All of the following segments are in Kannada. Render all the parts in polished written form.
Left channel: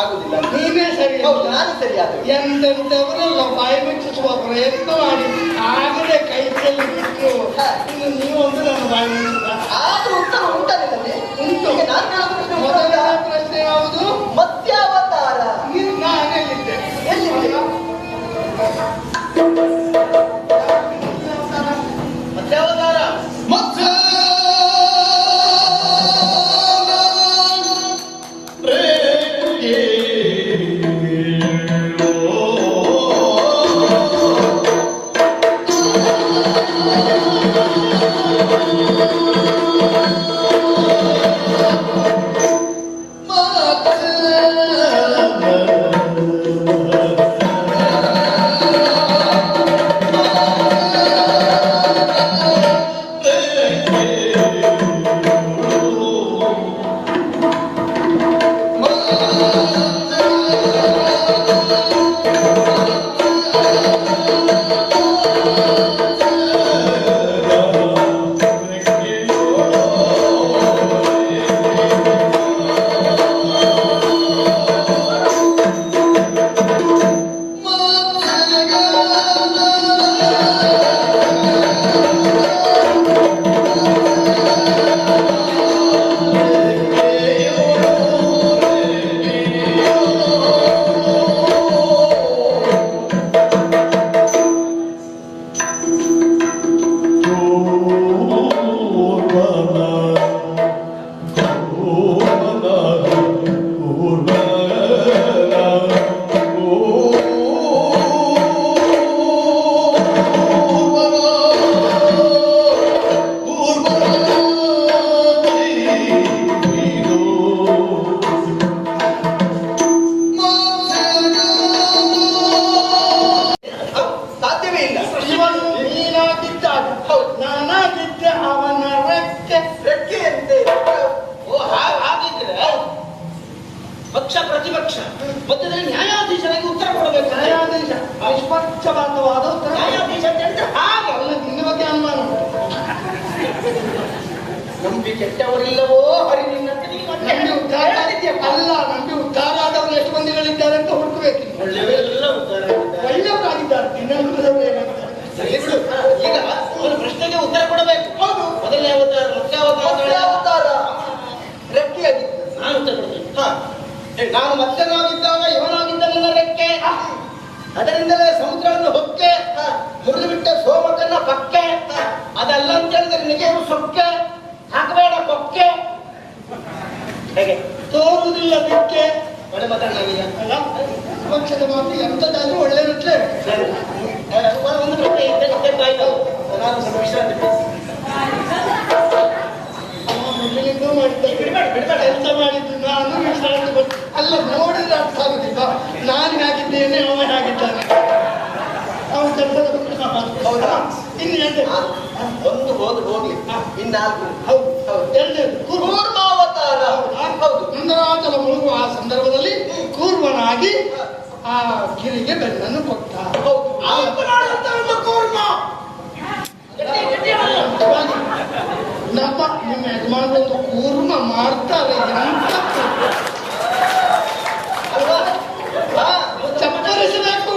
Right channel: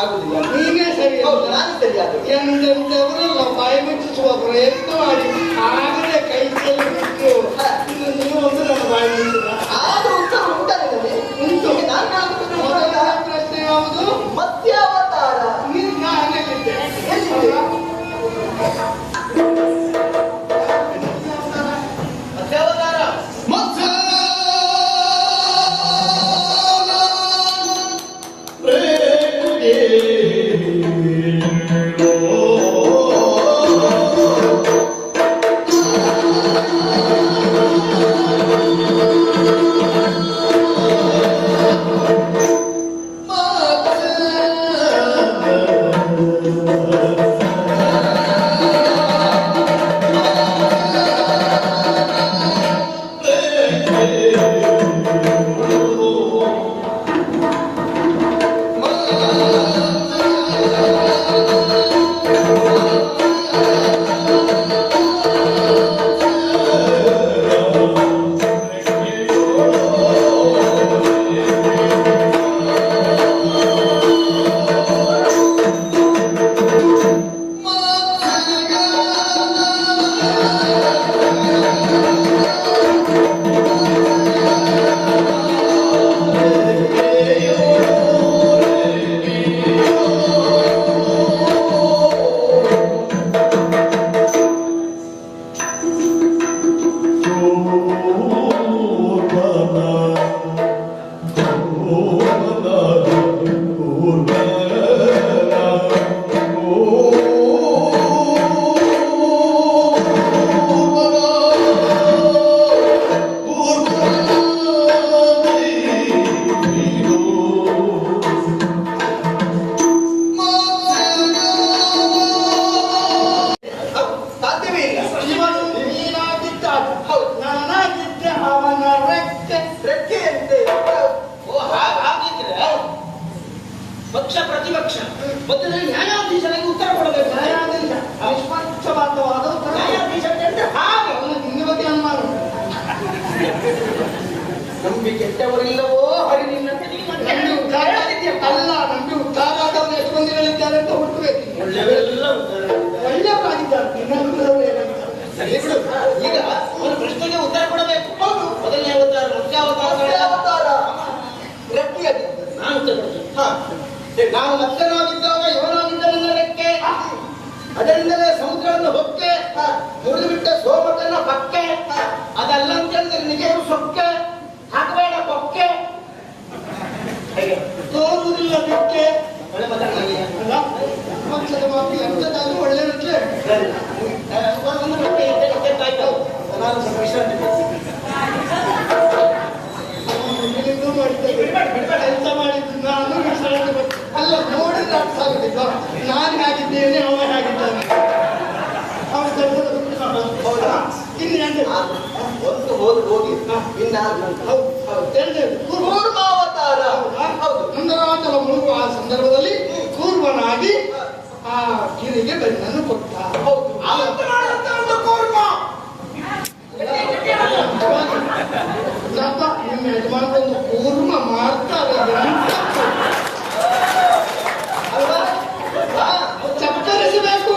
ಆಗುದಿಲ್ಲ. ನೀವೇ ಸರಿ. ನಾನು ಸರಿ ಆಗುದು. ಎಂತೆಂತವರು ನಾವು ಬಾಯಿ ಮುಚ್ಚಿಸುವ ಪ್ರಯತ್ನ ಮಾಡಿ ಆಗದೆ ಕೈ ಕೈ ಮುಚ್ಚಿತು. ನೀವು ಒಂದು ನಮ್ಮ ಬಾಯಿ ಮುಚ್ಚಿದ ಆದ್ರೂ ಉತ್ತರ ಉಂಟಲ್ಲ ಉಂಟು. ಯಾವುದು ಮತ್ಸ್ಯಾವತಾರ. ನೀವು ನಾನೇನಿದ್ದೆ ಎಲ್ಲಿದ್ದೀರಾ? ಮತ್ಸ್ಯಾವತಾರ ಪಕ್ಷ ಪ್ರತಿಪಕ್ಷ ಮತ್ತೆ ನ್ಯಾಯಾಧೀಶರಿಗೆ ಉತ್ತರ ಕೊಡಬೇಕು. ನ್ಯಾಯಾಧೀಶ ನಿಷ್ಪಕ್ಷಪಾತವಾದ ನ್ಯಾಯಾಧೀಶ ಅಂದ್ರೆ ಹಾಗೆ ನಿಮ್ಮ ಬಗ್ಗೆ ಅನುಮಾನ ನಂಬಿ ಕೆಟ್ಟವರಿಲ್ಲವೋ ಹರಿವಿನ ನಮ್ಗೆ ಉದ್ಧಾರ ಅಲ್ಲ. ನಮ್ಗೆ ಉದ್ಧಾರ ಆದವರು ಎಷ್ಟು ಮಂದಿಗಳಿದ್ದಾರೆ ಅಂತ ಹುಡುಕಬೇಕು. ಒಳ್ಳೆಯವರಾಗಿದ್ದಾರೆ. ಸರಿ ಬಿಡು. ಈಗ ಅವರ ಪ್ರಶ್ನೆಗೆ ಉತ್ತರ ಕೊಡಬೇಕು. ಹೌದು, ಮೊದಲನೇ ಅವತಾರ ಮತ್ಸ್ಯಾವತಾರ ಗಟ್ಟಿಯಾಗಿತ್ತು. ನಾನು ಮತ್ಸ್ಯನಾಗಿದ್ದಾಗ ಇವನಾಗಿದ್ದ ನಡೆಕ್ಕೆ, ಅದರಿಂದಲೇ ಸಮುದ್ರವನ್ನು ಹೊಕ್ಕೆ ಮುರಿದು ಬಿಟ್ಟ ಸೋಮಕನ ಪಕ್ಕೆ, ಅದಲ್ಲ ಅಂತಂದ್ರೆ ನಿಜರು ಸೊಕ್ಕೆ ಹಾಕಬೇಡ ಕೊಕ್ಕೆ, ಹೇಗೆ ತೋರುವುದಿಲ್ಲ ಬಿಕ್ಕೆ ಒಳ್ಳೆ ಮಾತಾಡಲಾಗಿಲ್ಲ. ಪಕ್ಷದ ಮಾತು ಎಂತದಾಗಿ ಒಳ್ಳೆಯದಕ್ಕೆ ಕೆಲಸ ಮಾಡಿದ್ದು ನಾನು ಅಲ್ಲ ನೋಡಿದ ಅರ್ಥ ಆಗುದಿಲ್ಲ. ನಾನು ಹೇಗಿದ್ದೇನೆ ಅವ ಹೇಗಿದ್ದಾನೆ. ಅವ ಹೌದಾ? ಇನ್ನು ಒಂದು ಹೋಗಿ ಹೋಗಿ ಇನ್ನ ಕೂರ್ಮಾವತಾರ. ಹೌದು, ಸುಂದರಾಚಲ ಮುಳುಗುವ ಆ ಸಂದರ್ಭದಲ್ಲಿ ಕೂರ್ಮನಾಗಿ ಆ ಗಿರಿಗೆ ಬೆಣ್ಣನ್ನು ಕೊಟ್ಟ. ನಮ್ಮ ನಿಮ್ಮ ಯಜಮಾನದ್ದು ಕೂರ್ಮ ಮಾಡ್ತಾರೆ. ಚಪ್ಪಲಿಸಬೇಕು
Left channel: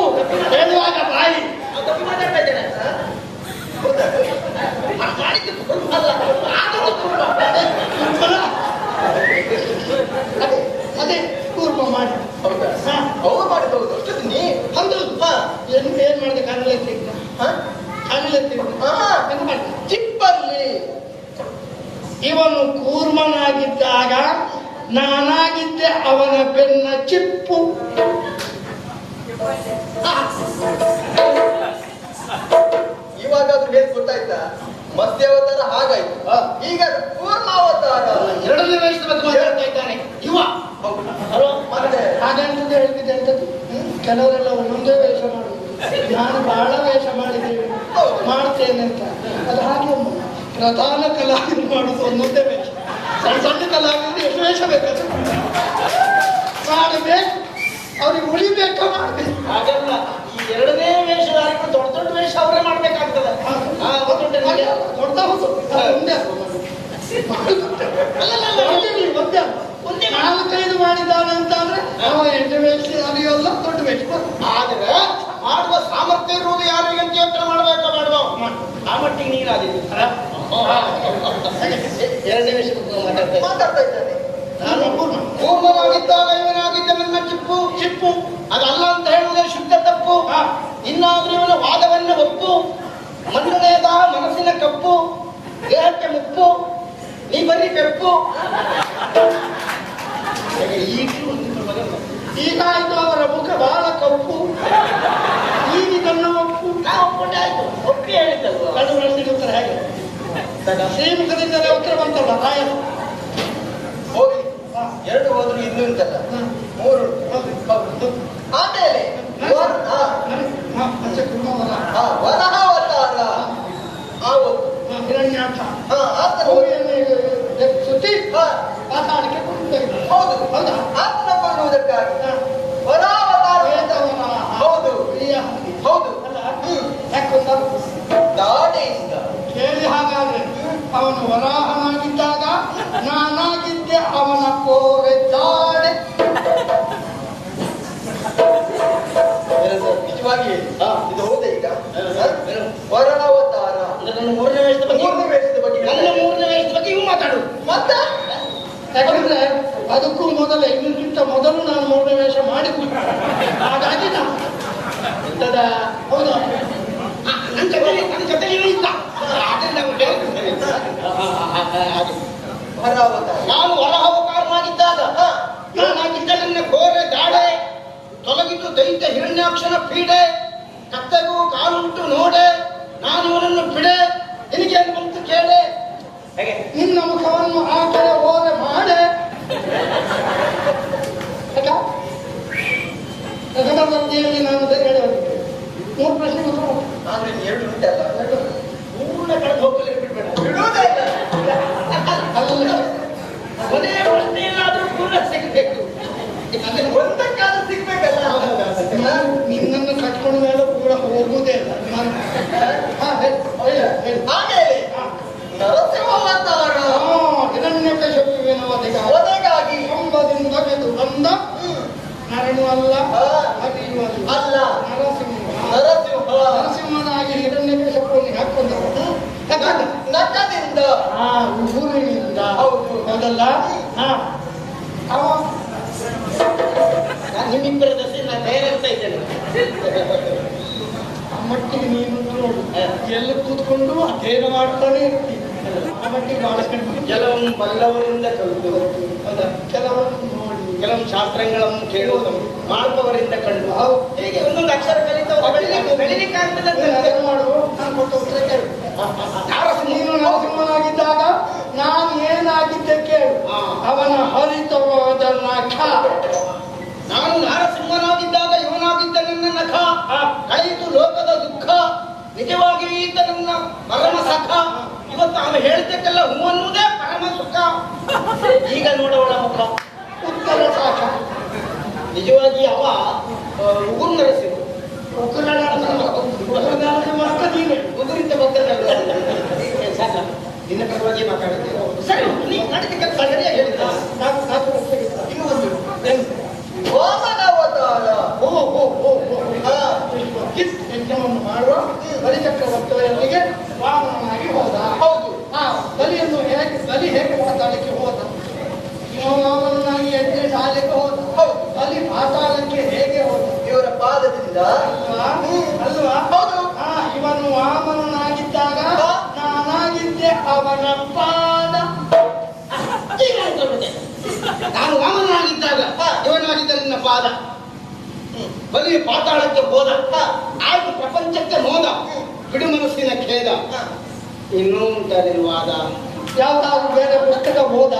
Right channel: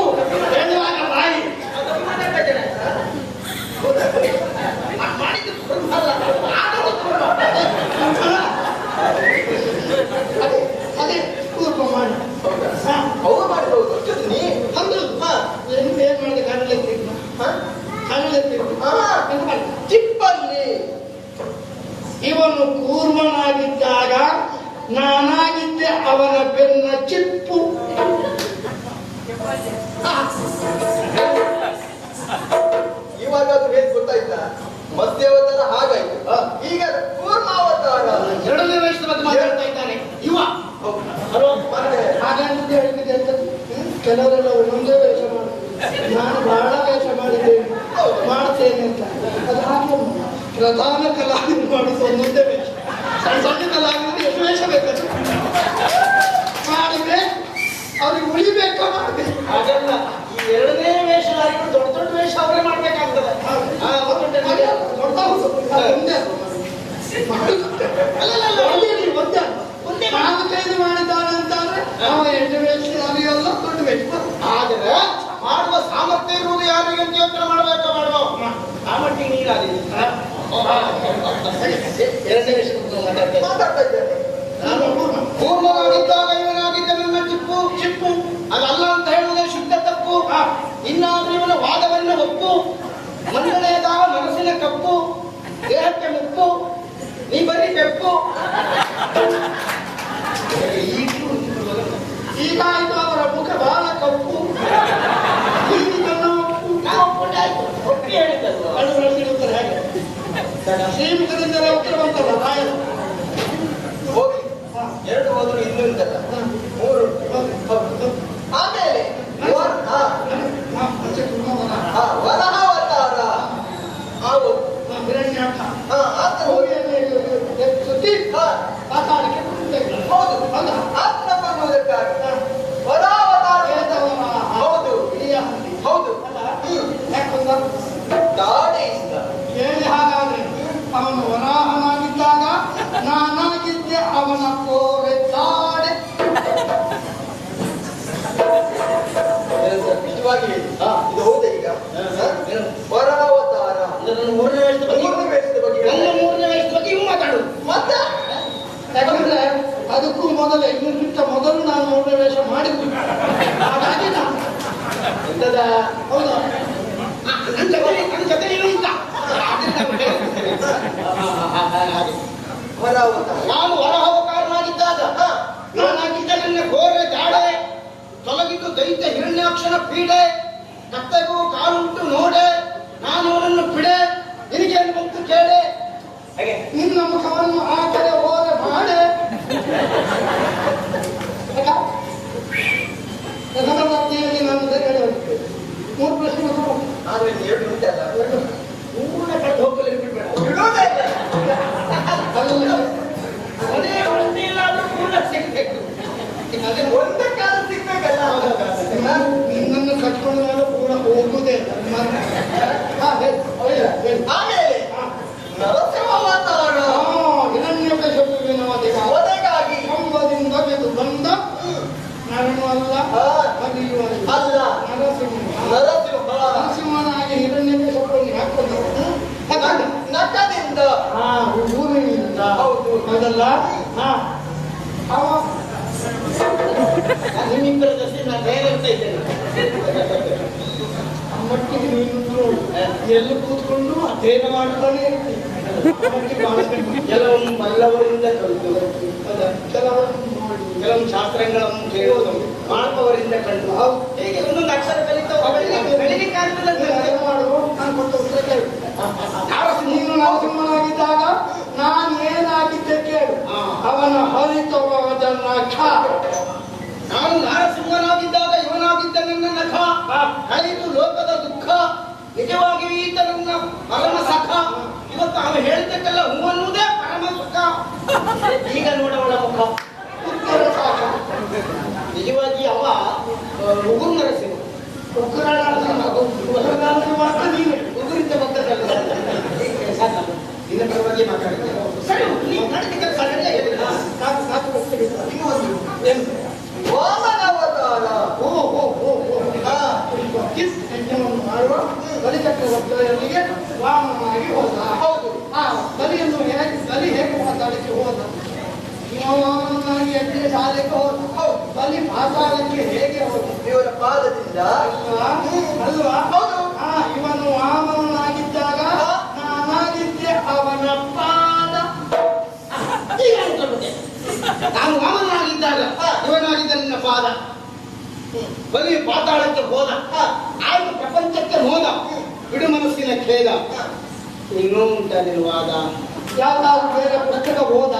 ಹೇಳುವಾಗ ಬಾಯಿ ಅದೇ ಕೂರ್ಮ ಮಾಡಿ ಅವ್ರು ಮಾಡಬಹುದು. ಅಂದ್ರೆ ಏನ್ ಮಾಡಿ ಚಿಪ್ಪಲ್ಲಿ ಇವನು ಕೂರ್ಮನಾಗಿದ್ದಾಗ ನಾನಾಗಿದ್ದೆ ಅವನ ಬೆನ್ನ ಚಿಪ್ಪು. ಇವಾಗ ಅದು ಹೇಗೆ ಗೊತ್ತಾಯ್ತಾ? ಮತ್ಸ್ಯಾವತಾರ ಹಾಗಾಯ್ತು. ಈಗ ಕೂರ್ಮಾವತಾರ ಎರಡನೇ ವಯಸ್ಸಿನ ಬಗ್ಗೆ ಮಾತಾಡ್ತಾ ಇದ್ದಾನೆ ಇವ. ಹಾಗಂತ ಹೇಳ್ತಿದ್ದೆ. ಕೆಲವರೆಲ್ಲ ಒಂದೊಂದೇ ವೇಷ ಮಾಡುದು. ನಾನು ಬಹಳ ವೇಷ ಮಾಡಿದ್ದೇನೆ ಮಾಡ್ತೇನೆ ಅಂತ. ಅದು ಹಾಗೆ ಪ್ರಧಾನ ಕಲಾವಿದರು ಮಾಡುದು ಒಂದೊಂದೇ ವೇಷ. ಸಣ್ಣ ಸಣ್ಣ ಕಲಾವಿದರು ಎಷ್ಟು ವೇಷ ಬೇಕು ಮಾಡಿದ್ರೆ ಅವ್ರಿಗೆ ಉಳಿಬೇಕೋ ಮಾಡಬೇಕು. ಹಾಗೆಲ್ಲ ಈ ಎರಡನೇ ವೇಷಧಾರಿಗಳು ದೊಡ್ಡ ದೊಡ್ಡ ವೇಷ ಅವರೇ ಮಾಡ್ಬೇಕಾಗ್ತದೆ. ನಾಲ್ಕೈದು ಮಾಡಿದ ಹೀಗಾಗಿದೆ. ಎರಡನೇ ವಿಷಯ ಮಾತಾಡ್ತಾ ಇದ್ದೇನೆ. ನಾನು ಪೂರ್ವವಾಗಿದ್ದಾಗ ಇವನಾಗಿದ್ದ ನನ್ನ ಚಿಪ್ಪು ಅದಲ್ಲ ಅಂತ ಹೇಳುವುದೇ ಶುದ್ಧ ತಪ್ಪು. ಇನ್ನಾದ್ರೂ ಇವನ ವಾದವನ್ನು ಒಪ್ಪು. ಮಂಡನೆಯದ ಮನಸ್ಸಿನ ಕಪ್ಪು, ದೇಹಕ್ಕೆ ಮುಪ್ಪು, ನೀ ಬರೀ ಬೆಪ್ಪು. ಈಗ ಇದು ಅವರ ಮುಖ ಬಹಳ ಕಪ್ಪು, ಈಗ ನನ್ನ ಒಪ್ಪಿ ಹೇಳಿದ್ದಲ್ವ? ಉತ್ತರ ಹೇಗೆ ಶ್ರೀಮುಖದಿಂದಲೇ ಉತ್ತರ ಬಂತಲ್ಲ ಬಾಯ ಹೋಗಿ ಎರಡು ಹೋದ್ರು ಇದ್ದು ಉಂಟಲ್ಲ, ಮೂರು ಆಮೇಲೆ ವರಹಾವತಾರ ಆವು ಹಿರಣ್ಯಾಕ್ಷ ಆತನ ಸುತ್ತಿ ಮಾತಾಡಲಿಕ್ಕೆ ಹೌದು ಆತನ ಕೊಡುವುದಕ್ಕಾಗಿ ವರಾವತಾರ. ಹೌದು ಹೌದು ದಾಡಿಯಿಂದ ಕೇಳಿ ಹಾಗಾಗಿ ಅವನು ವರಾಹನಾಗಿದ್ದಾಗ ನಾನಾಗಿದ್ದೆ ಅವನ ಕೋರೆ ದಾಡೆ. ನಿಜವಾಗಿ ಇದು ಹೌದೇ ಈಗ ವರಾವತಾರ ನನ್ನ ಮೂರನೇ ವಯಸ್ಸಿನ ಬಗ್ಗೆ ಮೂರನೇ ವಯಸ್ಸಿನ ಬಗ್ಗೆ ನನ್ನ ಮೂರನೇ ವಯಸ್ಸಿನ ಬಗ್ಗೆ ಇವು ಮಾತಾಡುದು. ಮತ್ತೆ ಯಾಕಂದ್ರೆ ಅದಕ್ಕೂ ಮೊದಲೇ ಇದಕ್ಕಿಂತ ಮೊದಲು ನಾನು ಮೂರನೇ ವೇಷ ಮಾಡಿದ್ವಿ. ಹಾಗಾಗಿ ಇಂಥದ ಹೌದಾ ನನ್ನ ಜೊತೆ ಇನ್ನು ಇಲ್ಲ. ವರಾವತಾರ ನಾನು ಹೊರಹವತಾರನಾಗಿದ್ದಾಗ ನಾನಾಗಿದ್ದ ನನ್ನ ಘೋರ ದಾಡೆ ತೊಲಗಿದ್ದು ದೈತ್ಯ ಹಿರಣ್ಯಾಕ್ಷನ ಪೀಡೆ. ಕತ್ತೆಗೂ ಕಾಲುಂಟು ನೋಡೆ, ನಾನು ಅವನನ್ನು ಬಿಡೆ, ನಿನಗೇನು ಬಂತು ಕೇಳೆ. ನಿನ್ನ ಮುಖವನ್ನು ಆ ಕಡೆ ಓರೆ ಮಾಡೆ. ಸಹನವತಿಯಲ್ಲಿ ನಾನು ಹೇಳುವುದು ಮೂರು ಪ್ರಶ್ನೆಗಳು ಆದ್ರೆ ಎರಡು ಉಂಟಲ್ಲ ಮೂರನೇ ಕಡೆ ಹೋಗಲಿ ಬಿಡ್ಬೇಡ. ಬಿಡೋದೇ ಇಲ್ಲ. ಕೊನೆಯ ಒಂದೇನಾದ್ರೂ ಪೂರ್ಣ ಸಿಗಬೇಕು. ಅದೇ ಒಂದಕ್ಕಾದ್ರೂ ಸಿಗ್ಬೇಕಲ್ಲ. ನಿನ್ನನ್ನು ಕಟ್ಕೊಂಡ ಮೇಲೆ ಪೂರ ಹೋಗುವುದೇ ಇಲ್ಲ. ಹೇಳಿ ಆಮೇಲೆ ನರಸಿಂಹಾವತಾರ ಹಿರಣ್ಯಕಶಿಪುವಿನ ಒದಗಾಗಿ ಕಂಬದಿಂದ ಗೆದ್ದು ಬಂದ ಹರನು ಅಲ್ಲ ಹರಿಯು ಅಲ್ಲ ನರಸಿಂಹ ನರಸಿಂಹ ನರಸಿಂಹನಾಗಿ ಹಿರಣ್ಯಕಶಿಪುವಿಗೆ ಹಾಕೊಂಡು ನಖದಿಂದ ಊರಿನಿಂದ ಹೌದು ಹೌದಲ್ಲ ಅವ ನಿಮ್ಮಿಬ್ಬರ ದಸೆ ನಾನು ಕೈಗಂತ ಇದ್ದೇನೆ. ಮಟ್ಟಿಗೆ ನೀನು ನೋಡಿ ಎಲ್ಲ ಕೂತ್ಕೊಂಡು ಅಧ್ಯಯನ ಮಾಡ್ತಾನೆ ಇರ್ತೀನಿ. ಆ ಮಟ್ಟಿಗೆ ಬಹಳ ಕೆಲವು ಮಲ್ಲವರಿಂದ ಕಲಿತು, ಕೆಲವನ್ನು ನೋಡಿ ಕೆಲವು ಶಾಸ್ತ್ರಗಳನ್ನು ಕೇಳುವುದು ಮಾಡುವವರಿಂದ ಕಲಿತು. ಹೇಗೆ ಒಂದೊಂದು ಅಕ್ಷರ ಬೆಳಿಲಿಕ್ಕಾಗ್ತದೆ ಅದನ್ನು ಮಾಡುವ ನಾನು ಕೊಟ್ಟ ಉತ್ತರ ಕೇಳು. ನೀನು ನರಸಿಂಹನಾಗಿದ್ದಾಗ ನಾನು ಏನಾಗಿದ್ದೆ ಕೇಳು. ಅವನ ಹರಿತವಾದ ನಖ. ನಾನು ನಾರಸಿಂಹನಾಗಿದ್ದಾಗ ಇವನಾಗಿದ್ದ ನನ್ನ ನಖ ಕಲಿತು ಲೋಕದ ದುಃಖ. ನಿಜವಾಗಿ ಈತ ನನ್ನ ಪರಮ ಸಖ. ಇವತ್ತು ಅವನು ಹೇಳಿದ್ದಕ್ಕೆಲ್ಲ ಹೂ ಅನ್ನುವುದೇ ಪರಮ ಸುಖ. ಈಗ ನೋಡವಳ ಮುಖ ಉತ್ತರ ಸಾಕ. ನಿಜವಾಗಿ ಅವ ಮುಗುರು ನರಸಿಂಹ. ಮಾತ್ರ ನೀನೆ ಮುಗುರಿಂದ ಬಂದ ಸಾಕ. ನಿನ್ನ ಪರವಾಗಿ ಮಾತಾಡಿದ್ರೆ ಸರಿ, ನೀವು ಮಾಡಿದ ಕೆಲಸ ಸರಿಯೇ ಹೇಳಿದ. ವಾಮನಾವತಾರ ಯಜ್ಞವನ್ನು ಮಾಡುವ ಬಲಿಚಕ್ರವರ್ತಿಯೊಂದಿಗೆ ವಾಮನನಾಗಿ ಹೋದ. ಹೌದು ಬಲಿಯನ್ನು ಬಲಿ ಹೇಗೆ ಮಾತಾಡಲಿಕ್ಕೆ ಹೋದ. ವಾಮನನಾಗಿ ಯಜ್ಞ ಸಾಲಕ್ಕೆ ಹೋದ. ಬಲಿ ಮಾತಾಡಲಿಕ್ಕೆ ಹೇಗೆ ಹೋದ. ಇವರ ಪಾದದಿಂದ ಅಲ್ವಾ ಹೌದು ಇವನು ವಾಮನನಾಗಿದ್ದಾಗ ನಾನಾಗಿದ್ದೆ ಅವನ ಪಾದ. ನಾನು ವಾಮನಾಗಿದ್ದಾಗ ಇವನಾಗಿದ್ದ ನಿನ್ನ ಪಾದ. ಬಲಿ ಪಾತಾಳಕ್ಕೆ ಹೋದ, ಆಗ ಪ್ರಪಂಚಕ್ಕೆ ಮೋದ, ಬಿಡು ಮನಸ್ಸಿನ ಖೇದ. ಇನ್ನೂ ಉಂಟ ನಿರ್ವಾದ. ಯಾವ್ದಾದ್ರು ಬೇರೆ ಪುಸ್ತಕ ಹೋದ